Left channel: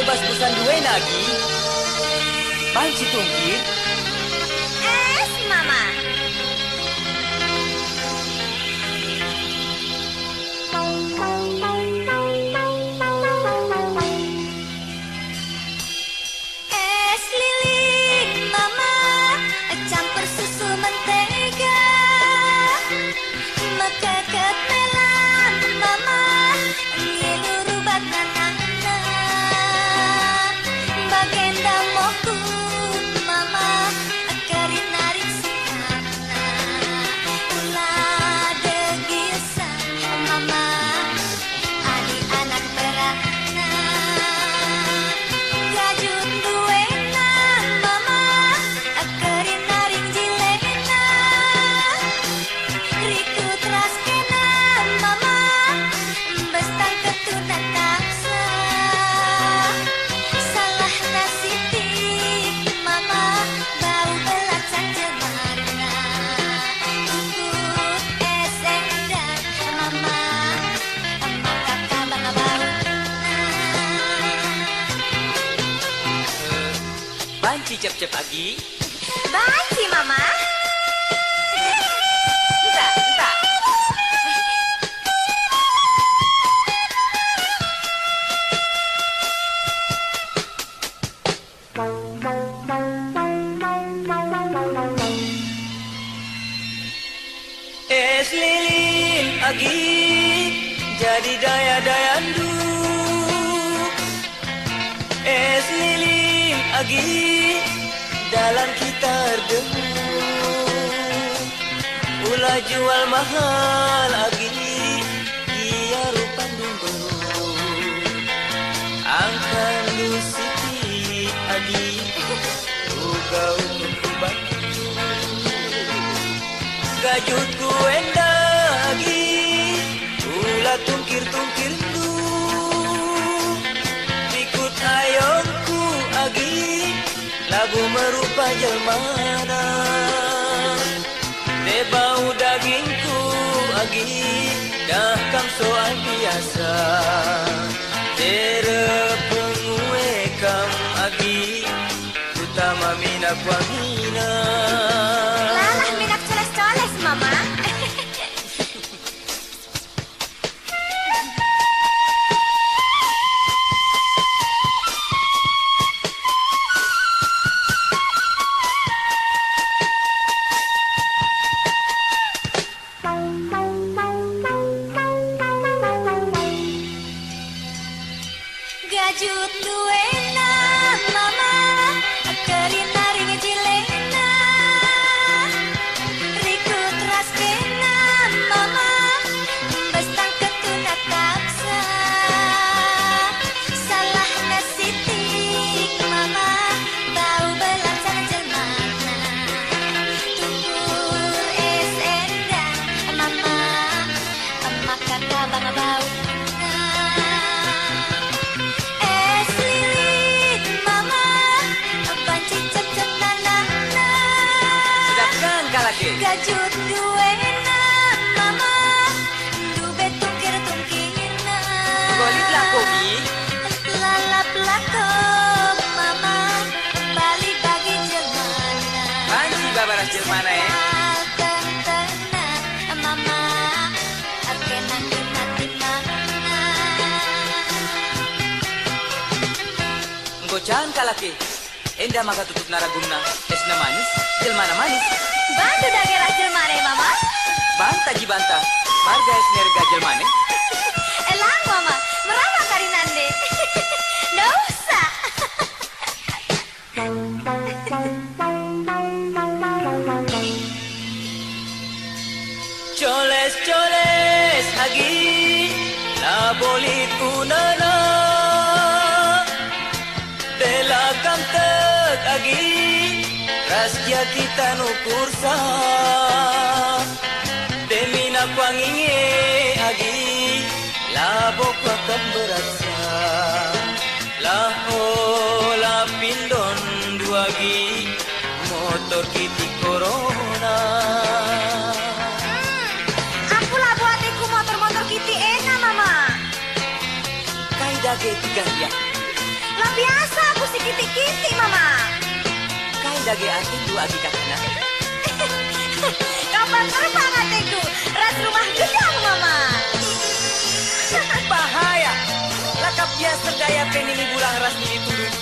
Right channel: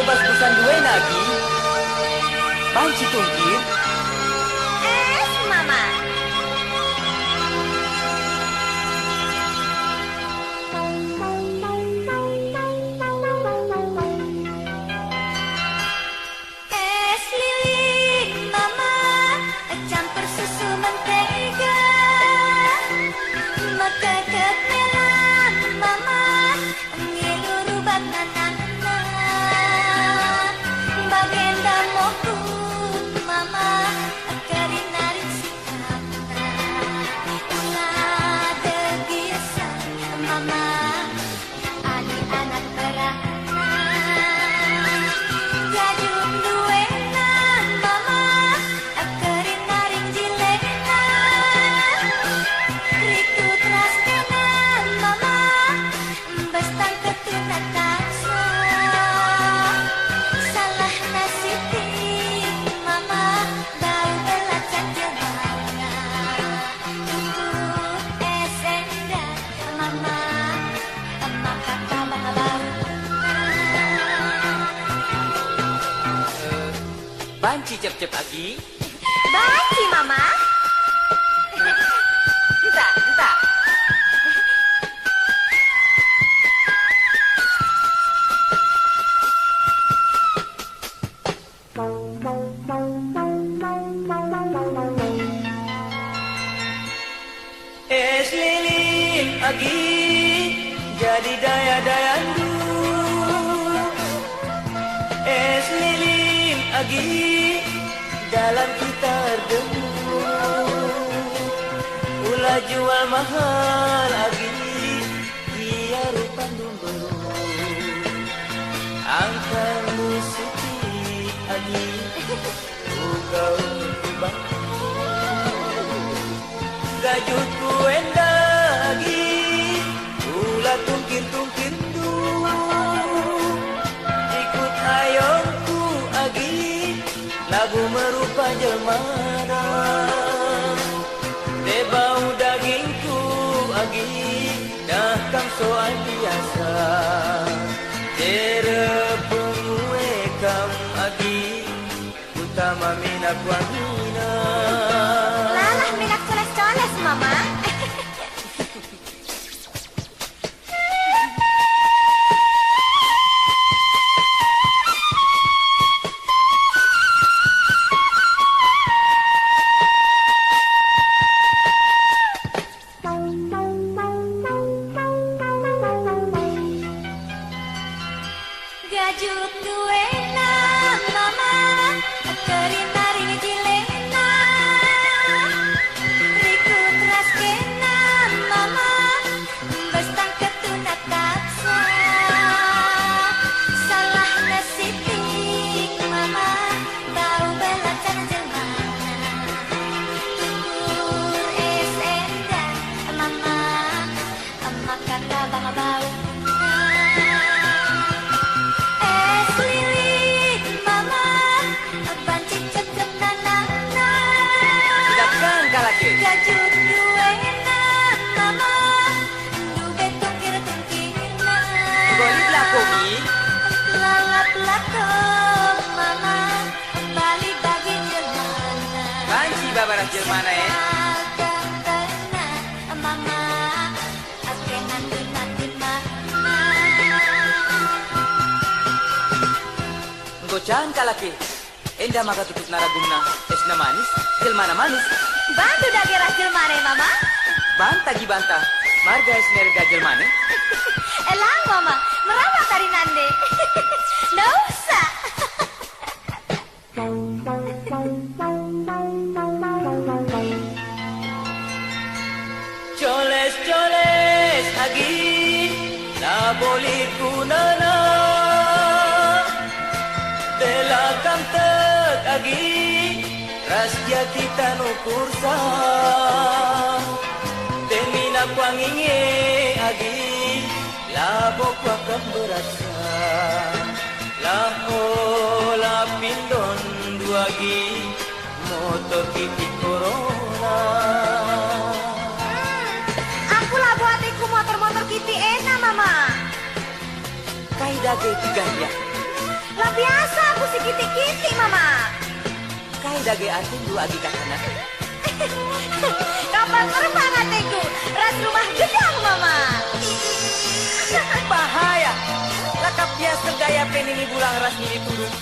bas busan duwe lagi. Banci tungkir. Es, Mama. Es lilin, Mama, campur susu mentega. Maka ketelan, Mama, nyeluruh bat nanana. Bagenda moku, Mama, akarin narik sikana. Ulah degisa, Mama, adik anak berana. Gajut duena, Mama, akarin naring jilena. Riku teras kena, Mama, bestang ketunan takso. Salah nasitik, Mama, bau belacan jemana. Ikut esendan, Mama, emak kata bang bau. Banci cep-cep agi. Banci, Mama. Entah, entah. Es lilin agi jadi daya-dayandu. Es lilin agi dalam kita erdemu. Ulah jual mahal agi dia rupan dumberu. Angkan lu sitik agi uga untuk gajutku endagi ulah tungkir-tungkir du ikut ayongku agi labu merupa jelmana bebau dagingku agi dah kam soal biasa tere pengue kam agi utama minak wangina. Lalah minak coles-coles, Mama. Gajut duena, Mama, akarin naring jilena. Riku teras kena, Mama, bestang ketuna taksa. Salah nasitik, Mama, bau belacan jelmana. Tukur es endan, Mama, emak kata bang bau. Es lilin, Mama, banci cep-cep nanana. Sidapkan kalaki. Gajut duena, Mama, dube tungkir-tungkirna. Golit lah komi. Lalap lakok, Mama, balik bagi jelmana. Banci babaras jelmana ya. Tentena, Mama, akenan nanti mana. Gocan kalaki. Enda maka tutup naragumna. Esna manis, jelmana manis. Bantu dage rajil mane, Mama. Banta ji banta. Marga esnerga jelmane. Elang, Mama, merawat karinande. Nggak usah. Coles-coles agi. La bolit kunana. Dela kantek agi. Rasya kita nukursa. Demina kwanginge agi. Labok wakam beratsa. La ola pindon duagi. Motor kiti corona. Aku lah buatiku motor-motor kiti enak, Mama. Kaida ge tiga ya. Lah biasa aku si kiti-kiti mama. Kau dage ating dua agi kakana. Kapan terbang hatiku? Ras rumah gedang mama. Bahaya. Lakap biasa daya penini bulang ras ini turun.